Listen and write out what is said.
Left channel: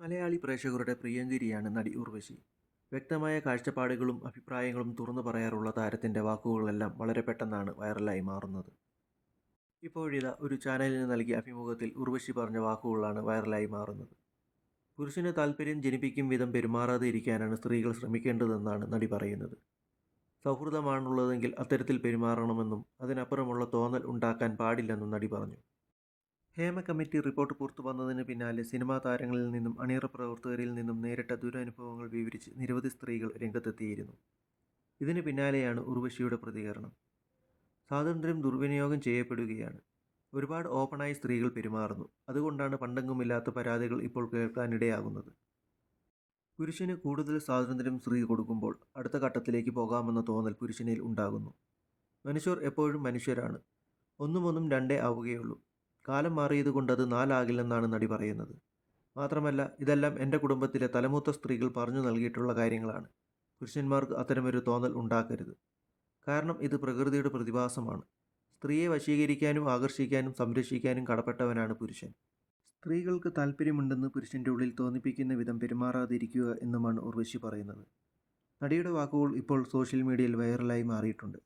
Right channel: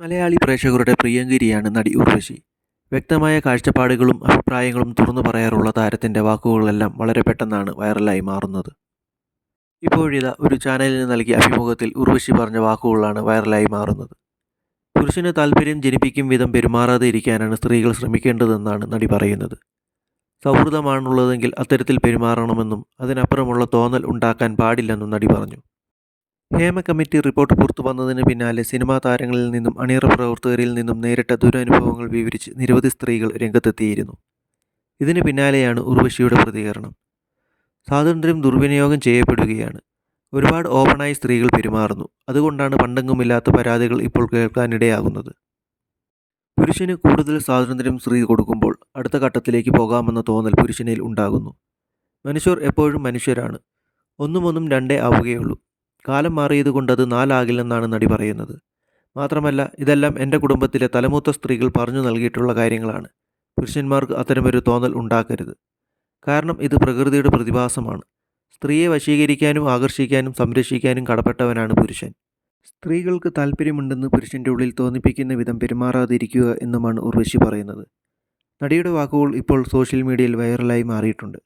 മലയാളി പ്രേക്ഷകരുടെ പ്രിയങ്കരിയാണ് നടി ഉർവശി. വ്യക്തമായ കാഴ്ചപ്പാടുകളും അഭിപ്രായങ്ങളും തുറന്നു പറയാറുള്ള താരത്തിന്റെ വാക്കുകളെല്ലാം വളരെ പെട്ടെന്നാണ് വൈറലായി മാറുന്നത്. ഇപ്പോഴിതാ ഒരു ചാനലിന് നൽകിയ അഭിമുഖത്തിൽ ഉർവശി പറഞ്ഞ വാക്കുകളാണ് വൈറലായി മാറുന്നത്. പുരുഷന് താല്പര്യം ജനിപ്പിക്കും വിധം പെരുമാറാതെ ഇരിക്കാനാണ് സ്ത്രീകൾ ശ്രമിക്കേണ്ടതെന്നാണ് നടി പറയുന്നത്. സൗഹൃദമാണുള്ളതെങ്കിൽ അത്തരത്തിൽ പെരുമാറണമെന്നും അതിനപ്പുറമുള്ള തോന്നൽ ഉണ്ടാക്കാൻ പാടില്ലെന്നും നടി പറഞ്ഞു. ഹേമ കമ്മിറ്റി റിപ്പോർട്ട് പുറത്തു വന്നതിന് പിന്നാലെ സിനിമാ താരങ്ങളിൽ നിന്നും അണിയറ പ്രവർത്തകരിൽ നിന്നും നേരിട്ട ദുരനുഭവങ്ങൾ വിവരിച്ച് നിരവധി സ്ത്രീകൾ രംഗത്തെത്തിയിരുന്നു. ഇതിന് പിന്നാലെയാണ് ഉർവശിയുടെ പ്രതികരണം. സ്വാതന്ത്ര്യം ദുർവിനിയോഗം ചെയ്യപ്പെടുകയാണ്. ഒരുപാട് ഓപ്പണായി സ്ത്രീകൾ പെരുമാറുന്നു. അതുകൊണ്ടാണ് പണ്ടെങ്ങുമില്ലാത്ത പരാതികൾ ഇപ്പോൾ കേൾക്കാനിടയാകുന്നത്. പുരുഷന് കൂടുതൽ സ്വാതന്ത്ര്യം സ്ത്രീ കൊടുക്കുമ്പോൾ അടുത്ത ഘട്ടത്തിലേക്ക് പോകാമെന്ന തോന്നൽ പുരുഷനിൽ ഉണ്ടാകുന്നു. മനുഷ്യർ എപ്പോഴും മനുഷ്യരാണ്. ഒന്നും ഒന്നും രണ്ടേ ആവുകയുള്ളൂ. കാലം മാറിയത് കൊണ്ട് അത് നാലാകില്ലെന്നാണ് നടി പറയുന്നത്. മാത്രമല്ല ഇതെല്ലാം എന്റെ കുടുംബത്തിലെ തലമൂത്ത സ്ത്രീകൾ പറഞ്ഞു നൽകിയിട്ടുള്ള കാര്യങ്ങളാണ്. പുരുഷന്മാർക്ക് അത്തരമൊരു തോന്നൽ ഉണ്ടാക്കരുത്. കാരണം ഇത് പ്രകൃതിയുടെ പ്രതിഭാസമാണ്. സ്ത്രീയെ വശീകരിക്കാനും ആകർഷിക്കാനും സംരക്ഷിക്കാനും കടപ്പെട്ടവനാണ് പുരുഷൻ. സ്ത്രീകൾക്ക് താല്പര്യമുണ്ടെന്ന് പുരുഷന്റെ ഉള്ളിൽ തോന്നിപ്പിക്കുന്ന വിധം പെരുമാറാതിരിക്കുക എന്നുമാണ് ഉർവശി പറയുന്നത്. നടിയുടെ വാക്കുകൾ ഇപ്പോൾ സോഷ്യൽ മീഡിയയിൽ വൈറലായി മാറിയിട്ടുണ്ട്.